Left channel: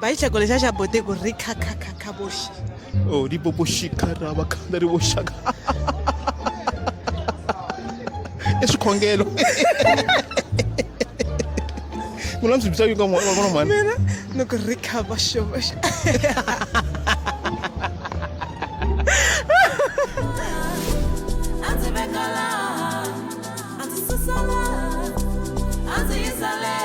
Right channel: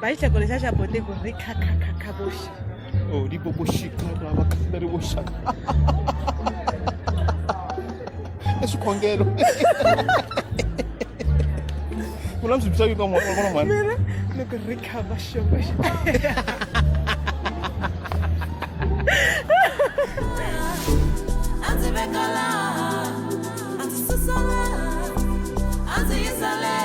Baicha kolesha cha bote ku rika kakaboshi. Oh, di boboshika ra bakanda ri boshaka. Esikhongelo. Mina ndzi bitsa yiko ngoma mani. Mina no ku rika basho basho. Anze bekala. Anze susala. Anze yisale.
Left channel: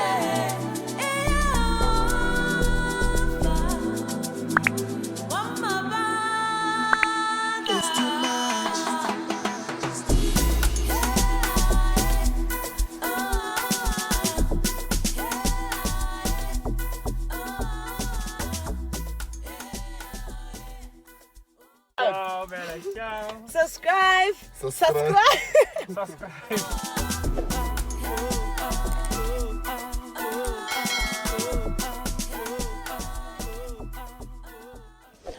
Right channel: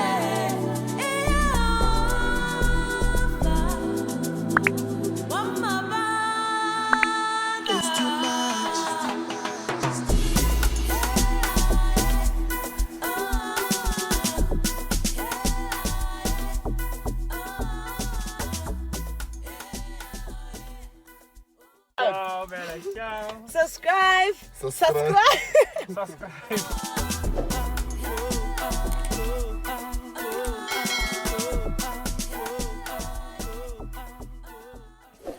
Subscribe.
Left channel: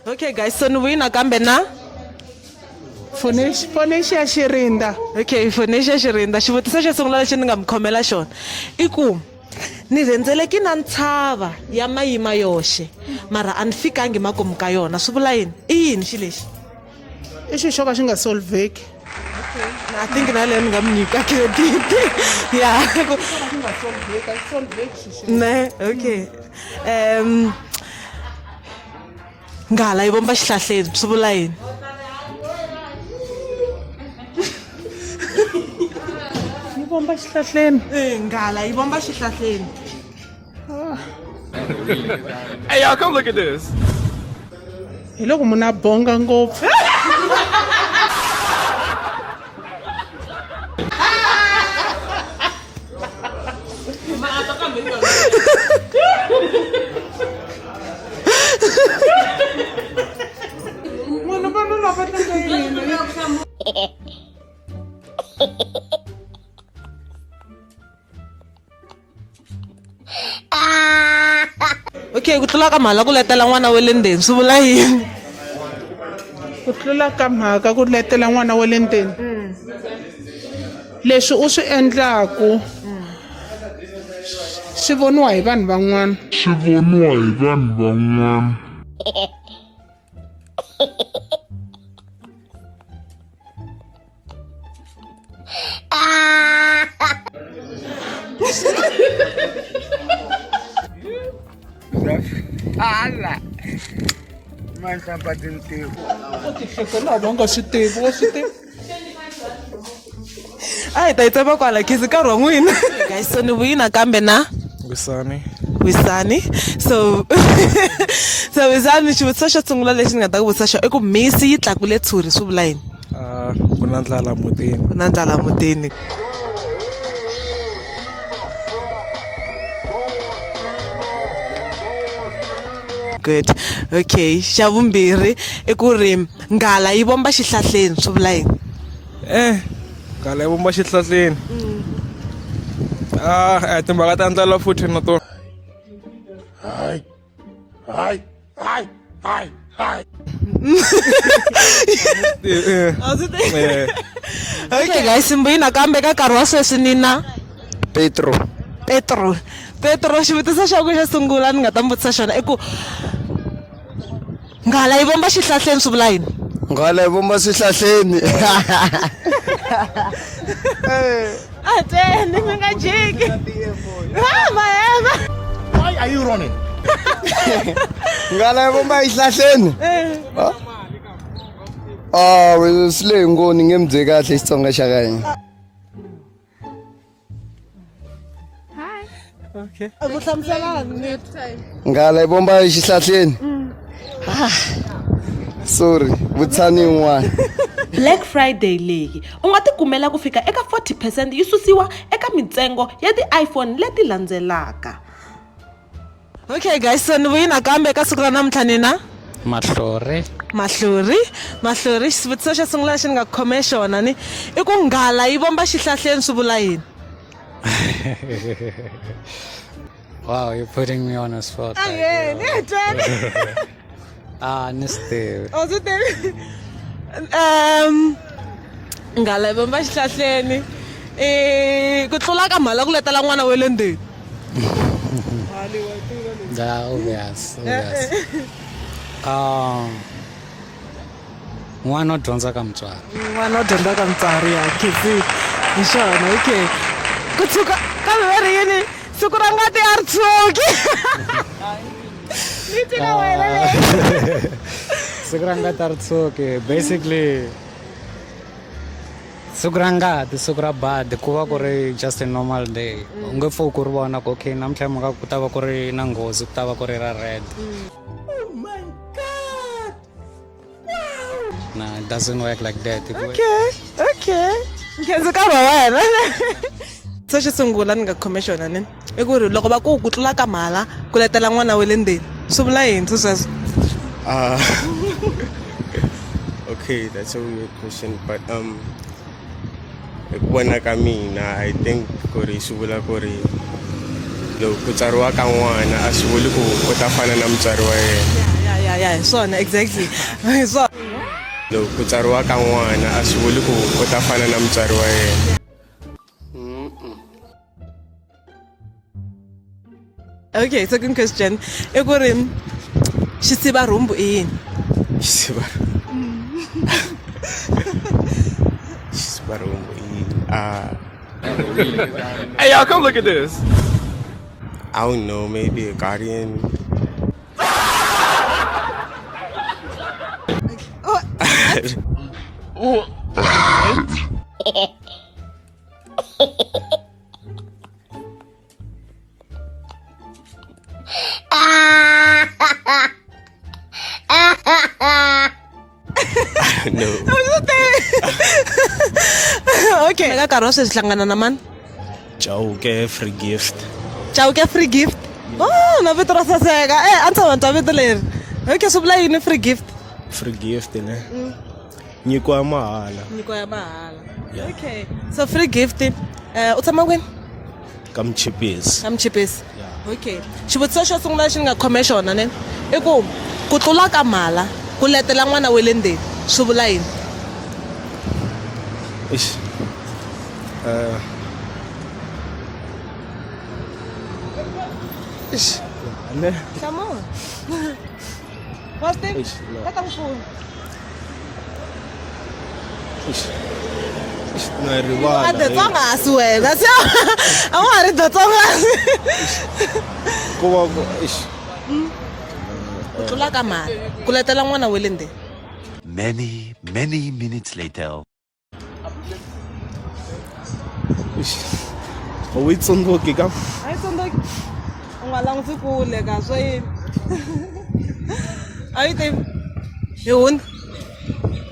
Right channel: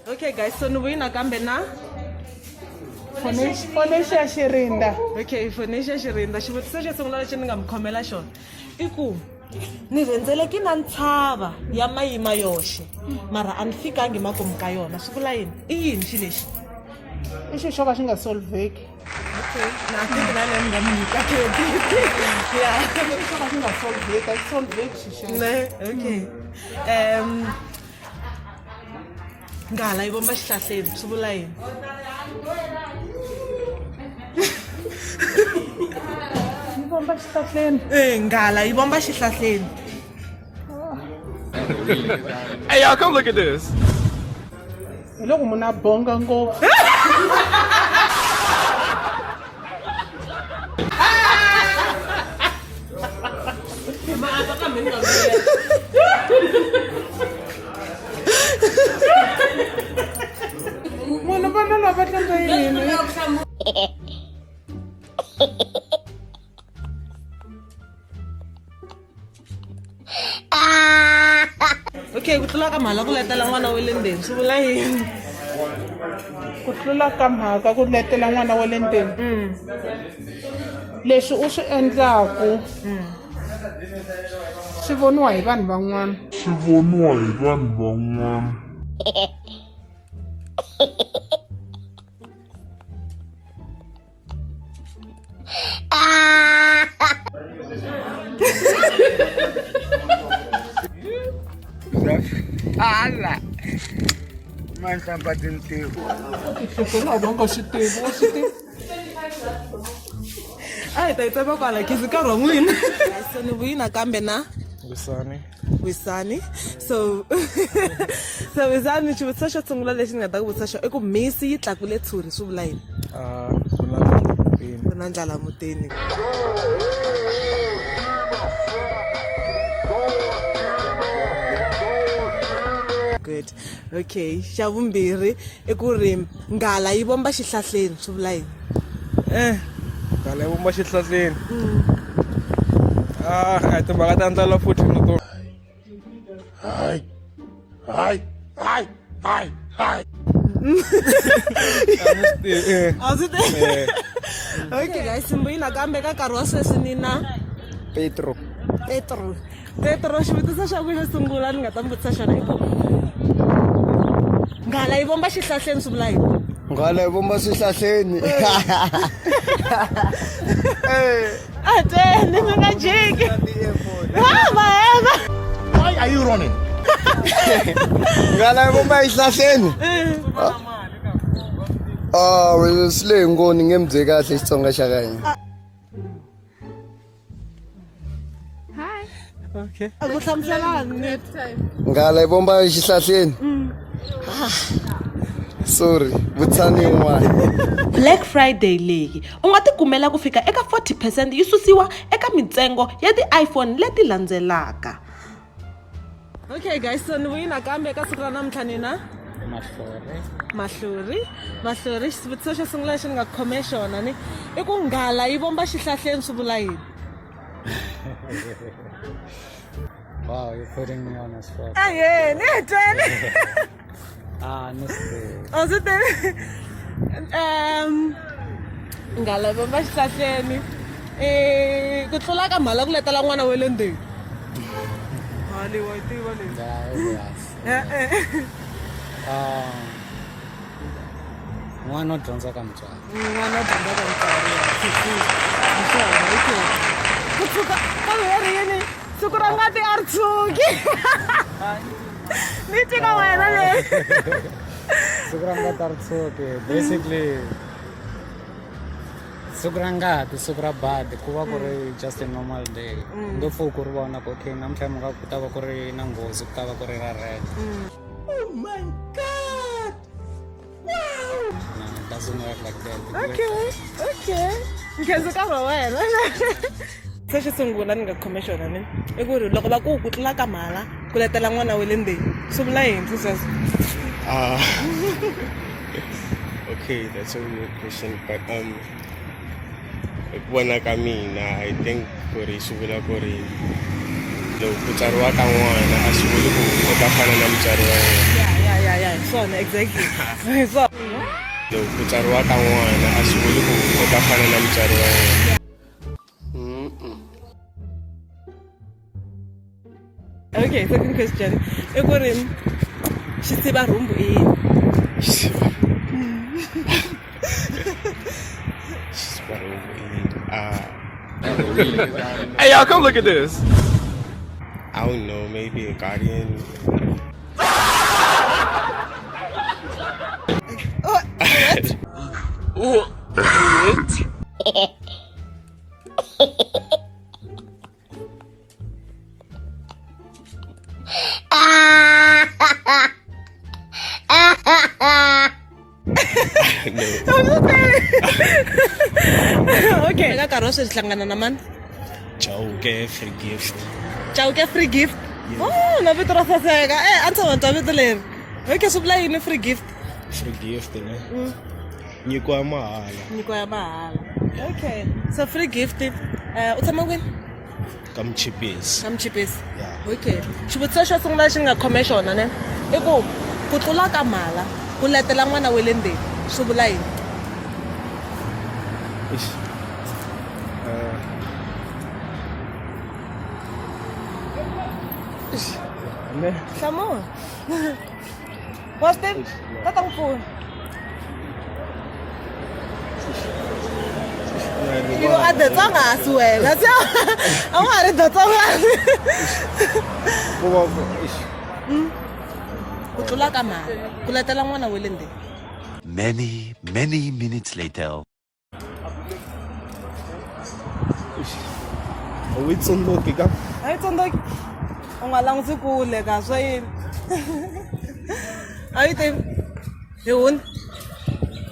Okay guys, so nuwina kambe na Fonesha Shirinda. Okay, Fonesha Shirinda. Xivutiso xo sungula lexi ni nga mi khomela xona i ku ni rendzele ki na ntshava ya mayima yoxe mara a ni fikangi makumu ka yona swi vula yini i yini xi lexi I xilo xo ka xi nga solveki. Okay, I think na le ni nga mi nyika yeah ne okay nghala yi vomba xihlahleni swi vula yini Yi vomba xihlahleni. nghala yi vomba xihlahleni. Hey, y'all, come look at this. Hi loko munhu a bonga ngopfu. Munhu va tlanga yini? Okay, ku tlula ka mhala ku letela n'wana wa le ndzeni swi vula yini Ku tlula ka mhaka ku letela n'wana wa le ndzeni. Leswi u swi endlaku swi voniwa hi vanhu van'wana. Ala. Man sampai tintiu. Sekolah dong kau situ. ai ta yi tsema kwala khizi nkarhi wa n'wina guys so ni vuyina kambe na Wisani so Wisani xivutiso xo sungula lexi ni nga ta ku vutisa xo i ku misi yi tlakule tshuri swi vula yini Ku na ndlala mutini. ku na ndlala mutini good okay xa vumbirhi i ku ri nghala yi vomba xihlahleni swi vula yini Nghala yi vomba xihlahleni. Timhaka ta ndlala futhi na tona. Hi. Okay guys simbuyina kambe ka nkarhi wa sweswi ni na Petro xivutiso xa ku xo sungula ni nga ta mi vutisa xona i ku nghala yi vomba xihlahleni swi vula yini Ngala yi vomba swihlahleni. ateni mi nga jiki mahema Why are you running? Ngala yi vomba swihlahleni. Wena sile ngoni ngemdze kahle Xitsonga xa ka hina. okay ku hlamuselani Ngala yi vomba xihlahleni. Sorry, vutsani yin'wana. Black Friday leyi u nga tikumela ku fika eka 40% yi susiwa eka mintsengo ya ti-iPhone leti landzelaka. Okay guys so ni vuyina kambe ka siku ra namuntlha ni na Mahlori xivutiso xa sungula lexi ni nga khome xona ni i ku nghala yi vomba xihlahleni swi vula yini Wow, you're putting me on a spot. Honestly. Nghala yi vomba xihlahleni ku tlula ka mhala ku letela n'wana wa le ndzeni. obvious. N'wana u dyondza ka mutswari. N'wana u dyondza ka mutswari ya khizi. Hi swona, okay. Kusuka kambe va ri yini siku ra ngati a ri tshuki. Ni tiva wena leyi. Siku ra ngati a ri tshuki. Basically siku ra ngati siku ra bad ku va ku ri just a normal day. U nge pfuki ku ri vona ku okay namuntlha mhaka ku ta va ku ri na nghozi ku ta va ku ri ra red. Oh my God! Wow! No, it doesn't work like that. Okay. Ndzi karhi wena. So xo sungula ni nga khome xona ni i ku ri loko va ku tlula ka mhala ku letela n'wana wa le ndzeni swi vula yini sweswo? Okay, that's a weird question, but vona ka mina I think ku ri swi vula ku ri loko ku tsariwa ka n'wana a swi vuli ku u ta fana na mutswari wa yena. Ya hi swona exactly hi swona. Loko ku tsariwa ka n'wana a swi vuli ku u ta fana na mutswari wa yena. Okay, second question i ku ri xisivarhumbu i yini? Hey, y'all, come look at this. I don't know, maybe a guardian. No. Okay, eka nkarhi wa sweswi hlangana na mani? Chauke free gift. Chauke free gift? Oh, na vito ra saseka. A ndzi twa vito leri. Okay, swi vula yini free gift? Free gift ne. Nyiko ya mahala. Nyiko ya mahala. Okay. So free gift u tshama kwini? Ka Mchipesi. Ka Mchipesi. Yeah. Okay. Xivutiso xo sungula lexi ni nga khome xona ne i ku tlula ka mhala ku letela n'wana wa le ndzeni swi vula yini? Ish. Come on. What's that? Tatang phone. You are the Tsonga as well. That's yeah. I'm already the Tsonga. Kutlula ka mhala ku letela n'wana wa le ndzeni. Many minutes later. Awi tsondoki ka. Ay tsondoki. U nga langutisi kule ka swa yini. A yi te yini?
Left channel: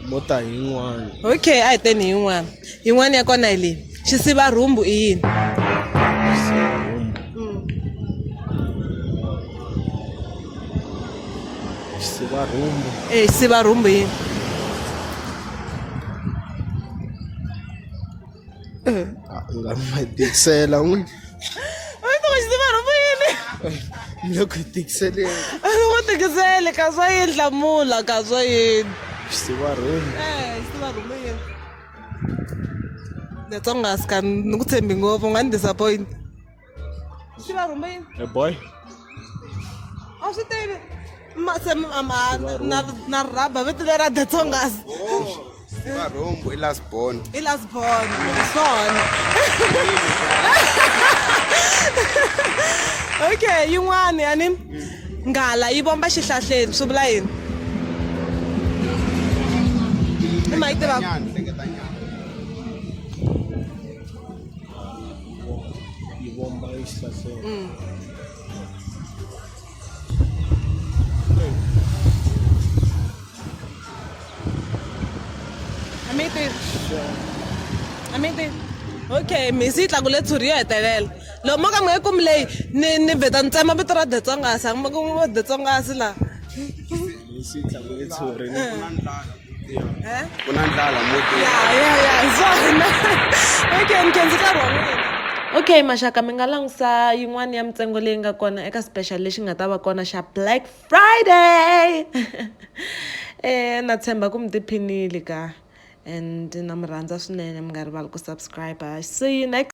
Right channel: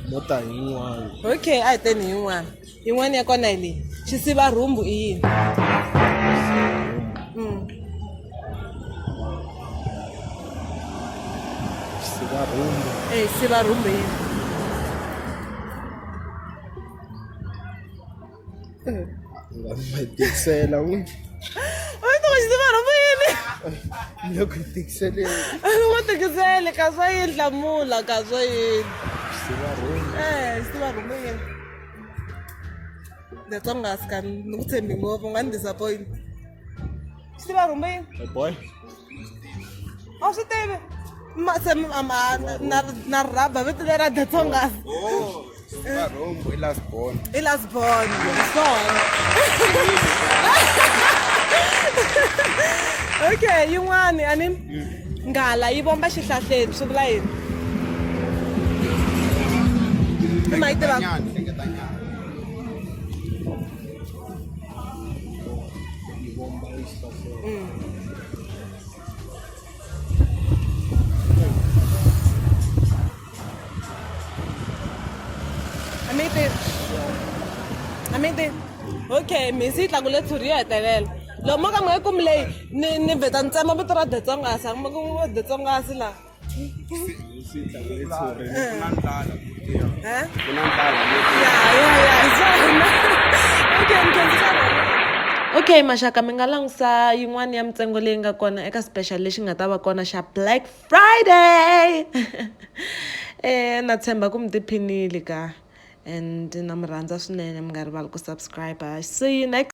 Mota yin'wana. Okay, a hi teni yin'wana. Yin'wana ya kona hi leyi. Xisivarhumbu i yini? Xisivarhumbu. Xisivarhumbu i yini? Nga ma tikisela n'wi. Ay, no, xisivarhumbu i yini? Loko hi tikisele. A ngo tikiseli ka swa yini hlamula ka swa yini? Xisivarhumbu. Xisivarhumbu i yini? The Tsonga ska ni ku tshembi ngopfu nga ni disappoint. Xisivarhumbu i yini? Hey boy. A swi tivi. Na rhaba vito lera The Tsongas. Xisivarhumbu i last born. I last born. Swona. Okay, yin'wana yani nghala yi bomba xihlahleni swi vula yini? Ma yi tiva? Yi bomba exihlahleni. Amete. Okay, misi tla kule tshuri yo hetelela. Lo mo ka mo ku mlei ni veta ntsema vito ra The Tsonga sa mo ku The Tsonga la. Misi tla kule tshuri. Kuna ndlala Okay, nkenzi ka rona. Okay, maxaka mi nga langusa yin'wana ya mintsengo leyi nga kona eka special lexi nga ta va kona xa Black Friday. Na tshemba ku mi tiphinile ka and na mi rhandza swinene mi nga rivali ku subscribe. See you next